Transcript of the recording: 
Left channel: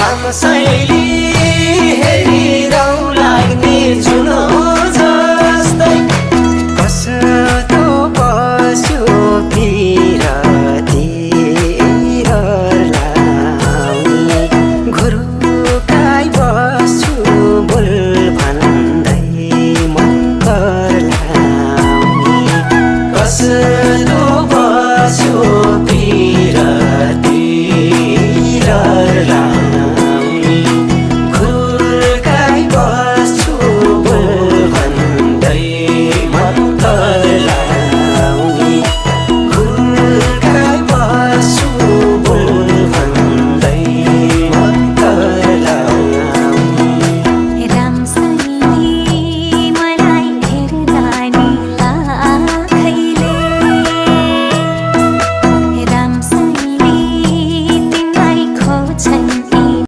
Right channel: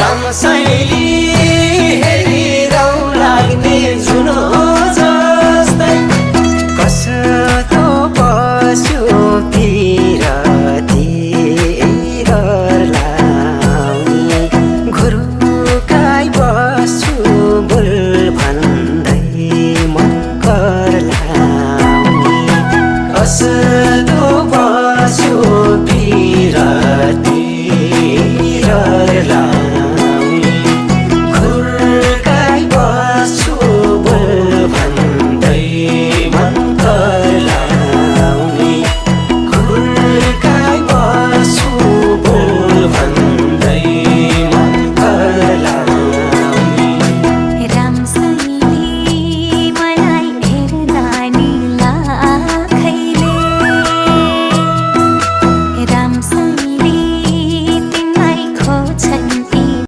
रङसैली हेरिरौँ लाग्ने जुनो जस्तै कस्तो बस्यो पिरती घर लाउने घुरुकाई बस्छु